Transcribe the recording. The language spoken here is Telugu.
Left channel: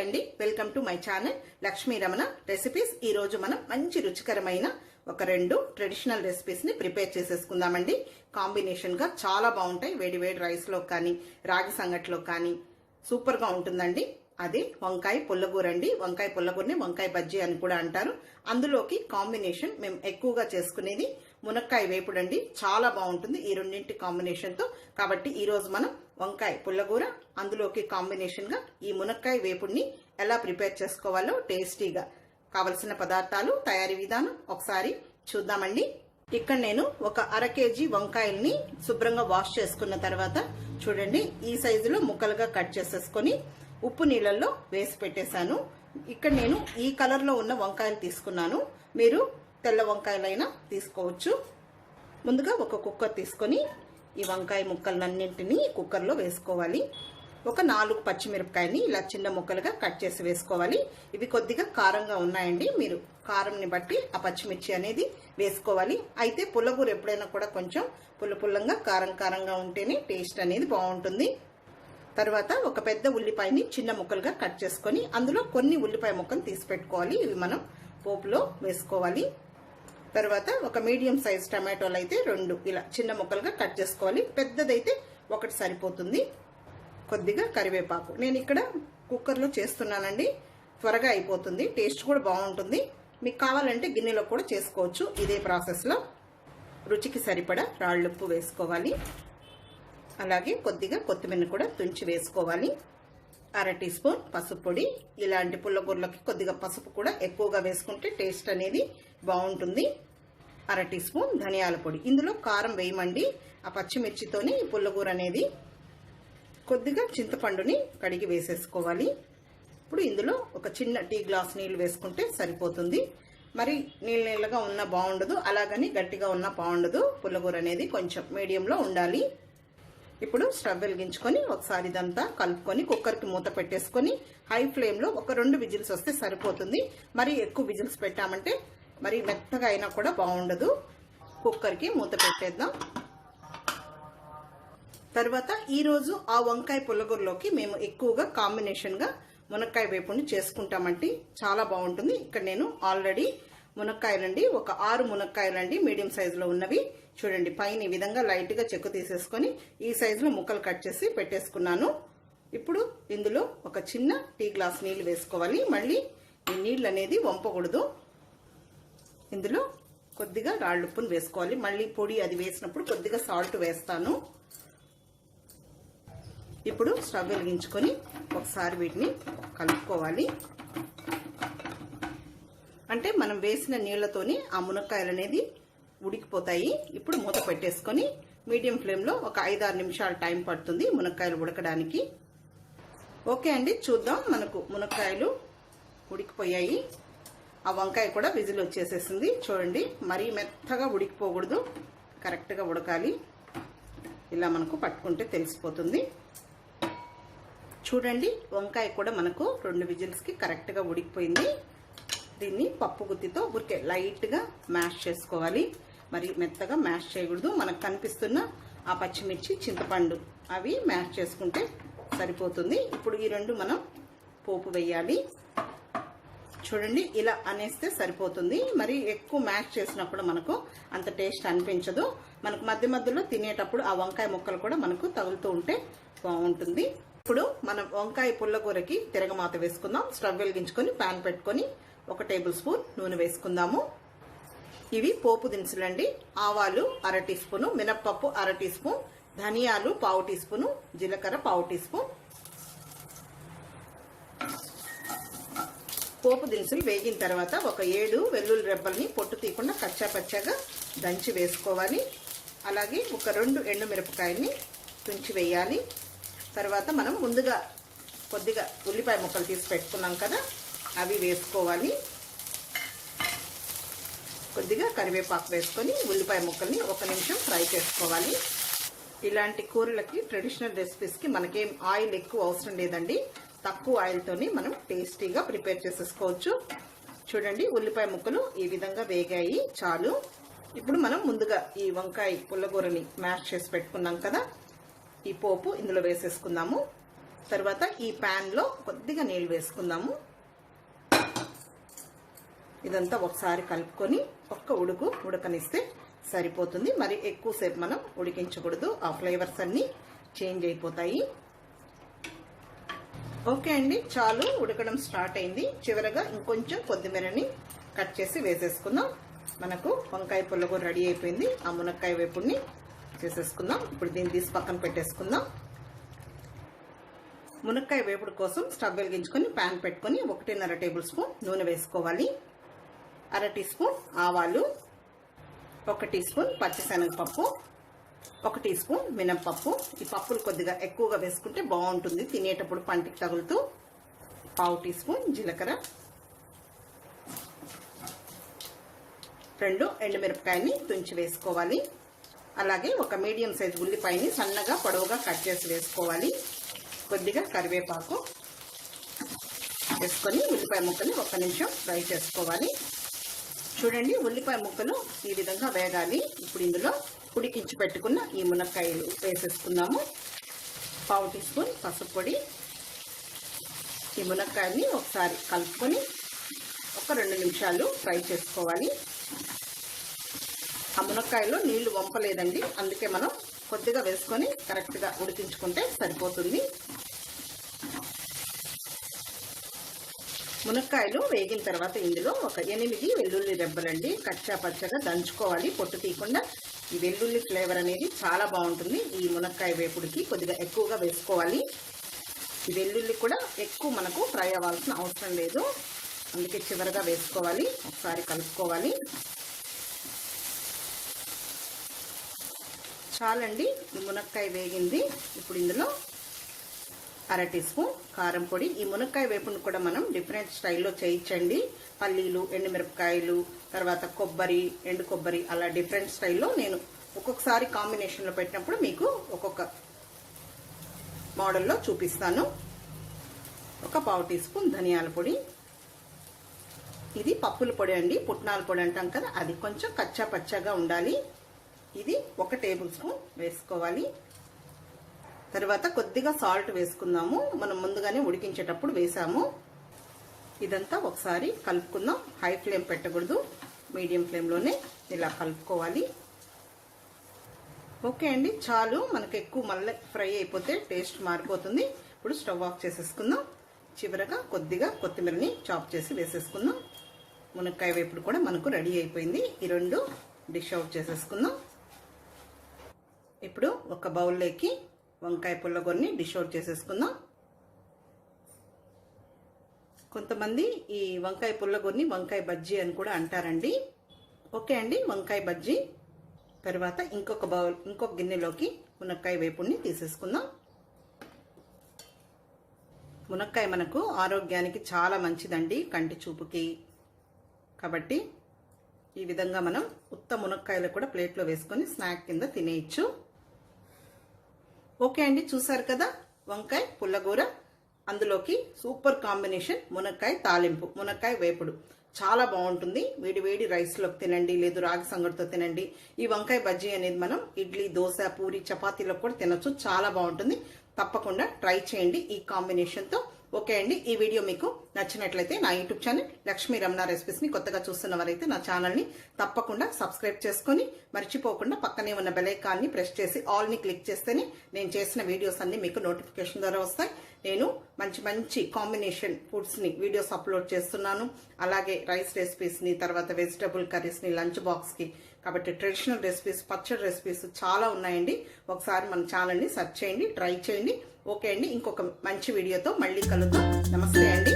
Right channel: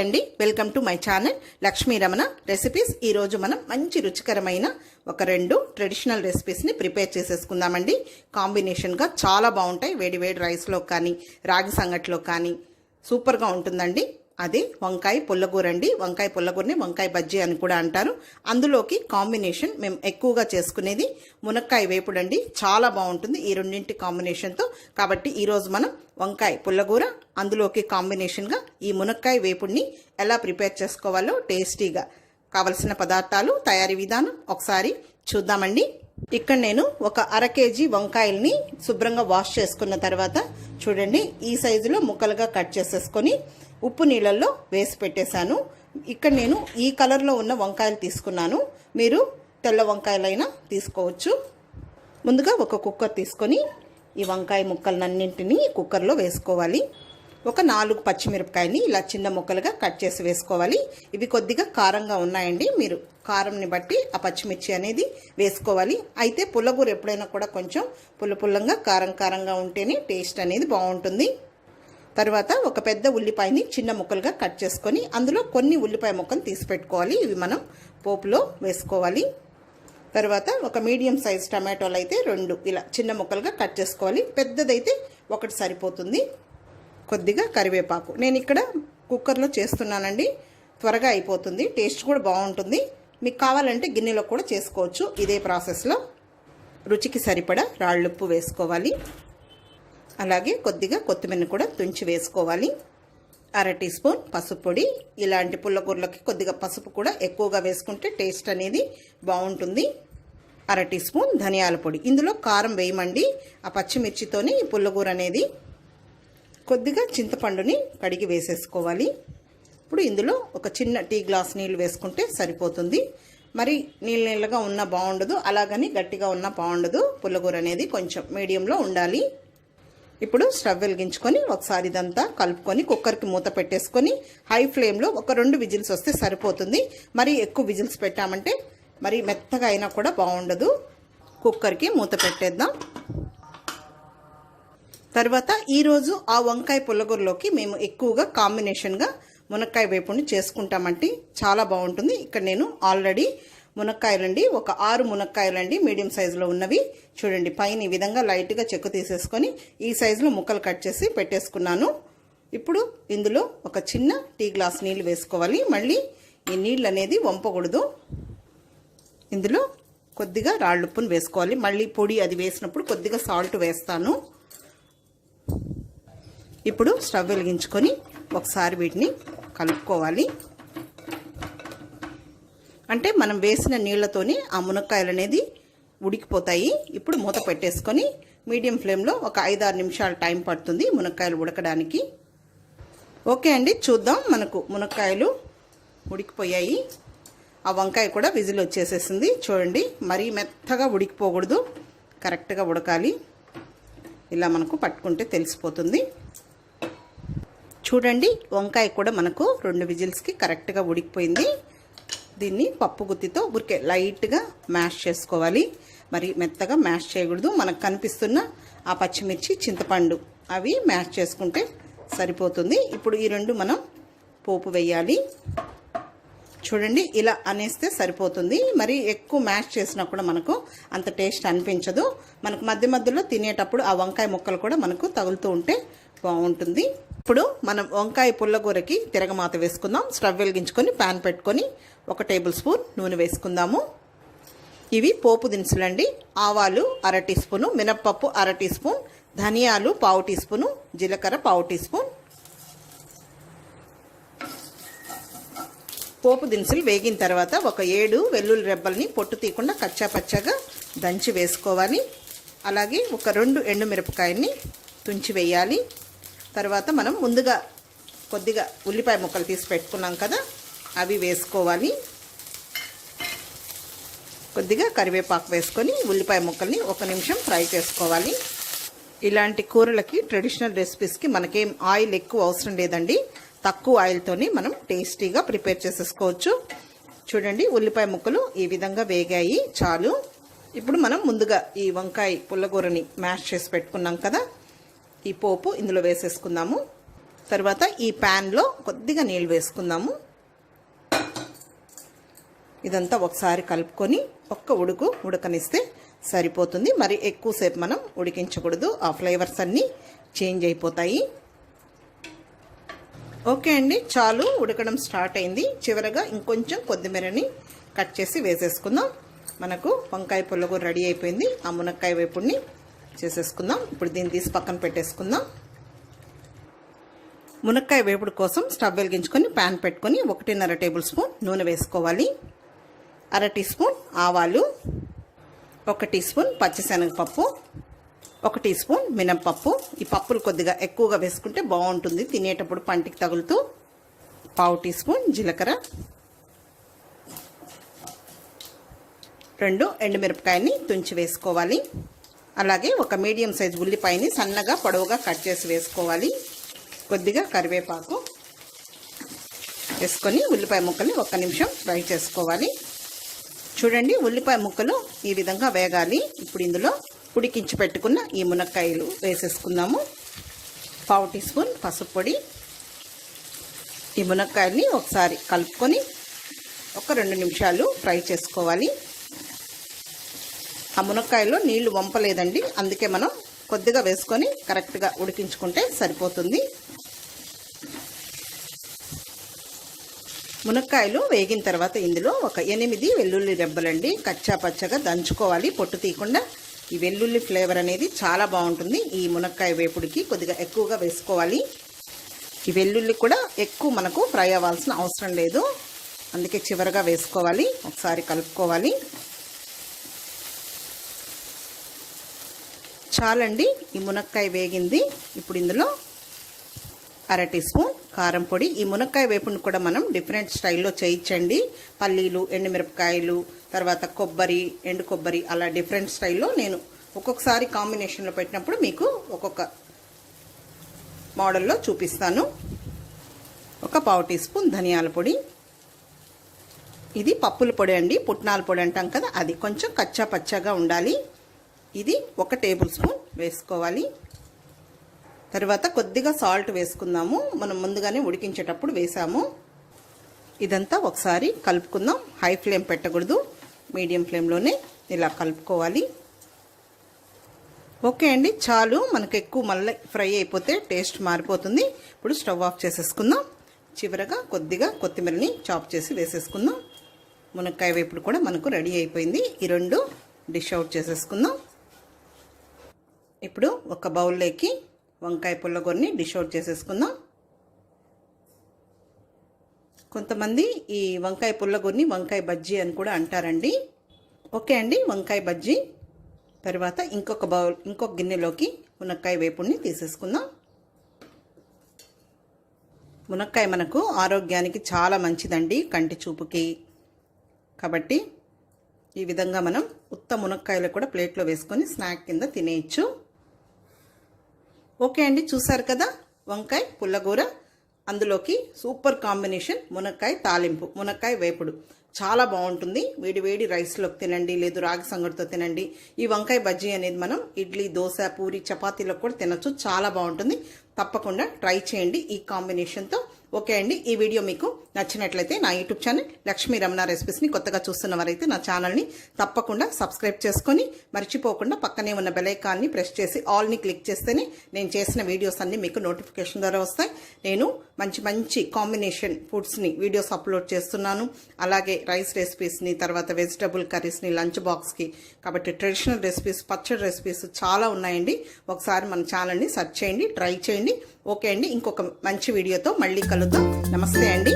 అండి, welcome to my channel Lakshmi Ramana recipes. ఈరోజు మనం మంచి రుచికరమైన ఒక రెండు ట్రెడిషనల్ రెసిపీస్ని ప్రిపేర్ చేసేసుకుందామండి. కాంబినేషన్గా చాలా బాగుంటాయి. వేడి వేడి రైస్లో కానీ రాగి సంగట్లో కానీ సూపర్గా ఉంటుందండి. అది వంకాయ పుల్లగూర అండి. వంకాయ పుల్లగూరని వంకాయ బజ్జీ అని కూడా అంటారు. అందులోకి కాంబినేషన్ మేము ఎక్కువగా చేసుకునేది మునక్కాయ వేపుడు అండి. చాలా బాగుంటుంది ఈ రెండింటి కాంబినేషన్తో. కాబట్టి ఈరోజు మనం వంకాయ పుల్లగూర, అందులోకి కాంబినేషన్గా ఈ మునక్కాయ వేపుడిని ఎలా ప్రిపేర్ చేసుకోవాలో టేస్టీగా కావలసిన పదార్థాలు, తయారీ విధానం ఒకసారి చూద్దామండి. ఇక్కడ నేను ఒక అర కేజీ వంకాయల్ని శుభ్రంగా వాష్ చేసుకున్న తర్వాత చూడండి ఈ సైజులో ముక్కలుగా కట్ చేసేసుకొని ఉప్పు నీళ్ళల్లో వేసి పెట్టేశాను. ఇక్కడ నేను ఈ కలర్లో ఉన్న వంకాయలు తీసుకున్నాను. మీరు తెల్ల వంకాయలైనా తీసుకోవచ్చు. ముందుగా ఒక కుక్కర్ తీసుకొని ఈ వంకాయ ముక్కలన్నింటినీ కుక్కర్లో వేసుకోవాలి. ఒక 4 పచ్చిమిరపకాయని ఇలా చిన్న ముక్కలుగా కట్ చేసి వేసుకోవాలి. ఇవి కొద్దిగా కారంగా ఉన్నాయండి. మీరు కారంని బట్టి ఆ పచ్చిమిర్చి అనేది వేసుకోవాలి. అయితే పుల్లగూర ఎప్పుడైనా కూడా కొంచెం పుల్లపుల్లంగా కారంగా ఉంటేనే టేస్ట్ అనేది బాగుంటుంది. తర్వాత ఒక పెద్ద ఉల్లిపాయని చిన్న ముక్కలుగా కట్ చేసుకొని అందులో కొన్ని ఉల్లిపాయ ముక్కలు తీసి పెట్టుకోవాలి. ఇవి మనం పోపులో వేసుకోవాలి. తర్వాత ఒక మీడియం సైజ్ టమాటోలు అయితే 2 ఇలా చిన్న ముక్కలుగా కట్ చేసుకోవాలి. పెద్దదైతే 1 సరిపోతుంది. కొద్దిగా కరివేపాకు. నేను ఇక్కడ కుక్కర్లో చేస్తున్నానండి. త్వరగా అయిపోతుంది, టేస్ట్ కూడా బాగుంటుంది. మీకు కావాలంటే గిన్నెలో కూడా చేసుకోవచ్చు. ఇదే ప్రాసెస్లో రుచికి సరిపడా రాళ్ళుప్పు వేసుకోవాలి. అలాగే కొద్దిగా కొత్తిమీర కూడా తుంచి వేసుకోవాలి. అర టీ స్పూన్ పసుపు పొడి. ఇలాంటి పుల్లగూరలకి కొద్దిగా పసుపు కూడా ఎక్కువగా వేసుకుంటే టేస్ట్ అనేది బాగుంటుంది. అర టీ స్పూన్ ధనియాల పొడి. ఇందులో కారం వేయమండి, ఆ పచ్చిమిర్చితోని ఈ పుల్లగూర అనేది. కొద్దిగా చింతపండుని కడిగి వేసేసుకోవాలి. ఇప్పుడు ఇందులో ఒక చిన్న టీ గ్లాస్ నీళ్ళు వేసుకుంటే సరిపోతుంది. మరి నీళ్ళగా ఉన్నా బాగుండదు, అలాగని గట్టిగా ఉన్నా బాగుండదు. పుల్లగూర అనేది కొంచెం మీడియంలో ఉండాలి. ఇప్పుడు స్టవ్ వెలిగించుకొని ఒకసారి ఇదంతా కలుపుకొని కుక్కర్కి మూత పెట్టేసుకొని హై ఫ్లేమ్లో ఒక 2 విజిల్స్ వస్తే సరిపోతుంది. మరి ఎక్కువ విజిల్స్ పెట్టామంటే మరి మెత్తగా అయినా కూడా బాగుండదు. కుక్కర్కి మూత పెట్టేద్దాం. తర్వాత ఈరోజు ఆ వంకాయ పుల్లగూరలోకి మేము ఎక్కువగా కాంబినేషన్గా మునక్కాయ వేపుడిని చేసుకుంటామంటే చాలా బాగుంటుంది. ఇక్కడ నేను ఆల్రెడీ మునక్కాయలండి, ఒక 6 మునక్కాయలండి మీడియం సైజులో ఉన్నవి. చూడండి పైన ఈ విధంగా లైట్గా చెక్కు తీసేసుకొని ఈ సైజులో ముక్కలు కట్ చేసి పెట్టేసుకున్నాను. ఇప్పుడు ఇందులో ఒక చిన్న టీ గ్లాస్ నీళ్ళు వేసుకోవాలి. మళ్ళీ ఈ నీళ్ళు అనేది వంపకూడదు. ఇందులో కొద్దిగా రాళ్ళుప్పును వేసుకోవాలి. మళ్ళీ పొడి అది వేసినప్పుడు కొద్దిగా సాల్ట్ వేస్తాను. ఇప్పుడు స్టవ్ వెలిగించుకొని ఒకసారి వీటిని కలుపుకోవాలి. అంటే మనం వేసిన నీళ్లతోని ఆ మునక్కాయలు అనేది ఉడికిపోతాయి. ఇప్పుడు మూత పెట్టేసుకొని మీడియం ఫ్లేమ్లో ఒక 5-6 నిమిషాలు టైం పడుతుంది మునక్కాయలు ఉడకడానికి. ఓకే అండి, చూద్దాం. మనకు మునక్కాయలు ఉడికిపోయాయి. ఆ వంకాయ కూడా విజిల్ వచ్చేసేసింది. చూడండి మరీ మెత్తగా ఉడికిపోకూడదు, కరెక్ట్గా ఉడకాలి. ఇలా మనకు పట్టుకుంటే తెలిసిపోతుంది. చూడండి వంకాయ కూడా మనకు 2 విజిల్స్కి కరెక్ట్గా ఉడికిపోయింది. దీన్ని పప్పు గుత్తితో ఊరికే లైట్గా మ్యాష్ చేసుకోవాలి. మరి మెత్తగా మ్యాష్ చేయకూడదు. మనకు కనిపిస్తున్న ఆ పచ్చిమిర్చి, చింతపండు అవి మ్యాష్ చేసుకుంటే సరిపోతుంది. ఇప్పుడు ఈ 2 మనం పోపు వేయాలి. చూడండి ఇలా అనేస్తే సరిపోతుంది. మరి ఎక్కువ మ్యాష్ చేసినా కూడా మనకు అంత టేస్ట్ అనిపించదు. మనకు మధ్య మధ్యలో తినేటప్పుడు ఆ వంకాయ ముక్కలు కూడా మనకు తగులుతూ ఉంటే బాగుంటుంది. ఇప్పుడు మనం వంకాయ పుల్లగూరకి తిరగమాత వేసుకుందాం. స్టవ్ వెలిగించుకొని ప్యాన్ పెట్టుకొని 1 టేబుల్ స్పూన్ నూనె వేసుకుందాము. ఇవి పోపు దినుసులండి. ఆవాలు అర టీ స్పూను, మినప్పప్పు అర టీ స్పూన్, ధనియాలు 1/2 టీ స్పూను, జీలకర్ర 1/2 టీ స్పూన్. పోపు దినుసులు వేగిన తర్వాత ఒక 7 వెల్లుల్లి రెబ్బల్ని పొట్టు తీయకుండా కచ్చా పచ్చగా దంచి వేసుకోవాలి. అలాగే ఒక 2 ఎండుమిరపకాయల్ని తుంచి వేయాలి. తర్వాత మనం ముందుగా కొద్దిగా ఉల్లిపాయ ముక్కలు తీసి పెట్టుకున్నాం కదా, అవి వేసుకోవాలి. కొద్దిగా కరివేపాకు వేసుకొని ఉల్లిపాయ ముక్కల్ని 1 నిమిషం ఫ్రై చేసుకోవాలి. ఇలాంటి కూరలకి, ట్రెడిషనల్ రెసిపీస్కి మనకేం ఆయిల్ ఎక్కువ అవసరం లేదండి. తక్కువ ఆయిల్తోని మనం టేస్టీగా ప్రిపేర్ చేసేసుకోవచ్చు. చూడండి ఉల్లిపాయ ముక్కలు ఈ విధంగా వేగాయి, చాలు. ఇప్పుడు మనం ముందుగా ఈ వంకాయ పుల్లగూరని మ్యాష్ చేసి పెట్టుకున్నాం కదా, ఈ పోపు ఇందులో వేసేసుకుందాము. తర్వాత ఈ ప్యాన్లో కొద్దిగా నీళ్ళు వేసుకుందాము. ఇదంతా ఒకసారి కలుపుకొని ఉడకనిస్తే సరిపోతుంది. మరి ఎక్కువసేపు మనం ఉడికించకూడదు, ఆ ఫ్లేవర్స్ అన్నీ చేంజ్ అయిపోతాయి. ఓకే అండి, చాలు, ఉడకడం స్టార్ట్ అయింది. చివరగా ఇంకొంచెం కొత్తిమీరని కట్ చేసి వేసేసుకుందాం. మనకు వంకాయ పుల్లగూర రెడీ అయిపోయింది. ఆ మునక్కాయ వేపుడిని చేసేసుకుందాం. ఇప్పుడు దీన్ని తీసి పక్కన పెట్టేసుకుందాం. మునక్కాయ వేపుడు కోసం స్టవ్ వెలిగించుకొని ప్యాన్ పెట్టుకొని 1.5 టేబుల్ స్పూన్ నూనె వేసుకోవాలి. 1/2 టీ స్పూన్ ఆవాలు, 1 టీ స్పూన్ పచ్చిశనగపప్పు, 1 టీ స్పూన్ మినప్పప్పు. ఈ పప్పులు కొద్దిగా ఎక్కువగా వేసుకుంటే బాగుంటుంది తినేటప్పుడు పంటికి తగులుతూ. 1/2 టీ స్పూన్ జీలకర్ర, 2 ఎండుమిరపకాయని తుంచి వేసుకోవాలి. అలాగే ఒక మీడియం సైజ్ ఉల్లిపాయని సన్నగా పొడవుగా కట్ చేసి వేసుకోవాలి. కొద్దిగా కరివేపాకు వేసుకొని ఉల్లిపాయ ముక్కల్ని 1 నిమిషం ఫ్రై చేసుకోవాలి. చూడండి, ఉల్లిపాయ ముక్కలు ఈ విధంగా వేగాలి. ఇప్పుడు ఇందులో ఉడికించి పెట్టుకున్న ఈ మునక్కాయలు వేసేసుకుందాము. 1/2 టీ స్పూన్ పసుపు పొడి. ఈ మునక్కాయల్ని ఒకసారి కలుపుకొని 1-2 నిమిషాలు ఫ్రై చేసుకోవాలి. ఆ మునక్కాయలో నీళ్లు వంపలేదండి, అందుకే మనం కొద్దిగా వేసుకొని కరెక్ట్గా ఉడికించుకుంటే సరిపోతుంది. మునక్కాయలు వేగిన తర్వాత ఇందులో ఒక 8 వెల్లుల్లి రెబ్బలండి కచ్చా పచ్చగా దంచుకోవాలి, పొట్టు తీయకుండా. ఈ వెల్లుల్లి ఫ్లేవర్ అనేది చాలా బాగుంటుంది ఈ మునక్కాయ వేపుడికి. కొద్దిగా ఎక్కువగా వేసుకోవాలి. ఈ వెల్లుల్లి కూడా ఎక్కువ మనకు ఫ్రై అవ్వాల్సిన అవసరం లేదు, అందుకే చివరగా వేసుకోవాలి. ఒకసారి కలుపుకోవాలి. చాలండి, ఈ మునక్కాయ వేగింది. ఇప్పుడు ఇందులో 1/2 టీ స్పూన్ కారం పొడి. ఈ మునక్కాయ వేపుని కూడా మనం డిఫరెంట్ స్టైల్లో చేయించండి. పల్లీలు, ఎండుమిరపకాయలు, తర్వాత కొబ్బరి, ఎండు కొబ్బరి, అలా డిఫరెంట్ స్టైల్లో నేను ఒక్కొక్కసారి కాంబినేషన్లో పెట్టినప్పుడు మీకు ఒక్కొక్క మోడల్లో చూపిస్తాను. 1/4 టీ స్పూన్ ధనియాల పొడి. ఇది పప్పుల పొడి అండి, పుట్నాల పొడి అంటాం కదా, అది కొంచెం కచ్చా పచ్చాగా ఉండాలి. ఇది 1 టేబుల్ స్పూన్ వేసుకోవాలి. తర్వాత కొద్దిగా సాల్ట్ వేసుకుందాము, మనం ముందుగానే ఉడికించేటప్పుడు వేసాము. ఇదంతా ఒకసారి కలుపుకుందాం. హై ఫ్లేమ్ పెట్టకూడదు, మీడియం ఫ్లేమ్లోనే ఇలా కలుపుకోవాలి. ఓకే అండి, చాలు. మనకు ఎక్కువ మళ్ళీ ఫ్రై అయిపోతే టేస్ట్ మారిపోతుంది. ఇప్పుడు స్టవ్ ఆఫ్ చేసేసుకుందాం. చివరగా కొద్దిగా కొత్తిమీరని చాప్ చేసి వేసేసుకుందాం. మునక్కాయ వేపుడు కూడా మనకు రెడీ అయిపోయింది. ఈ 2 డిష్ అవుట్ చేసేసుకుందాం. ఇప్పుడు ఒక బౌల్లోకి వంకాయ పుల్లగూరని డిష్ అవుట్ చేసేసుకుందాం. కొంతమంది ఈ వంకాయ పుల్లగూరని వంకాయ బజ్జీ అని కూడా అంటారండి. ఓకే అండి, వంకాయ బజ్జీ. తర్వాత ఇంకొక గిన్నెలోకి మునక్కాయ వేపుడిని తీసేసుకుందాం. మునక్కాయ మనకు ఆరోగ్యానికి చాలా మంచిదండి, కంటి చూపుకి. కాబట్టి ఈ విధంగా మనం ఉత్త మునక్కాయలు కూడా ప్లేట్లో వేసుకొని స్నాక్ కింద తినేయచ్చు. ఓకే అండి, చూసారు కదా వంకాయ పుల్లగూర. అందులోకి సూపర్ కాంబినేషన్ మునక్కాయ తాలింపు, మునక్కాయ వేపుడు. చాలా బాగుంటుంది. వేడి వేడి రైస్లోకి తినండి, లేదు రాగి సంగటితో తినండి. ఈ వంకాయ బజ్జీ అనేది మనం ఇడ్లీ, దోశ, పూరి, చపాతీలో కూడా తినచ్చు. చాలా బాగుంటుంది. తప్పకుండా ట్రై చేయండి ఈ కాంబినేషన్తో. ఓకే అండి, ఈ వీడియో మీకు నచ్చినట్లయితే నా యూట్యూబ్ ఛానల్ లక్ష్మీ రమణ రెసిపీస్ని కొత్తగా చూస్తున్నవారైతే నా ఛానల్ని తప్పకుండా సబ్స్క్రైబ్ చేసుకొని మర్చిపోకుండా పక్కనే ఉన్న బెల్ ఐకాన్ని ప్రెస్ చేసి ఆల్ని క్లిక్ చేస్తేనే నేను చేసిన వీడియోస్ అన్నీ మీకు నోటిఫికేషన్ ద్వారా వస్తాయి. నేను మంచి మంచి కాంబినేషన్ ఫుడ్స్ని వీడియోస్ అప్లోడ్ చేస్తున్నాను. అలాగే రైస్ రెసిపీస్ని, తర్వాత వెజిటబుల్ కర్రీస్ని, లంచ్ బాక్స్కి. కాబట్టి ట్రెడిషనల్ రెసిపీస్, పచ్చడి రెసిపీస్ చాలా ఉన్నాయండి. ఒకసారి మన ఛానల్ని సెర్చ్ చేయండి, ట్రై చేయండి. ఓకే అండి, ఇంకొక మంచి వీడియోతో మళ్ళీ కలుద్దాం. నమస్తే అండి.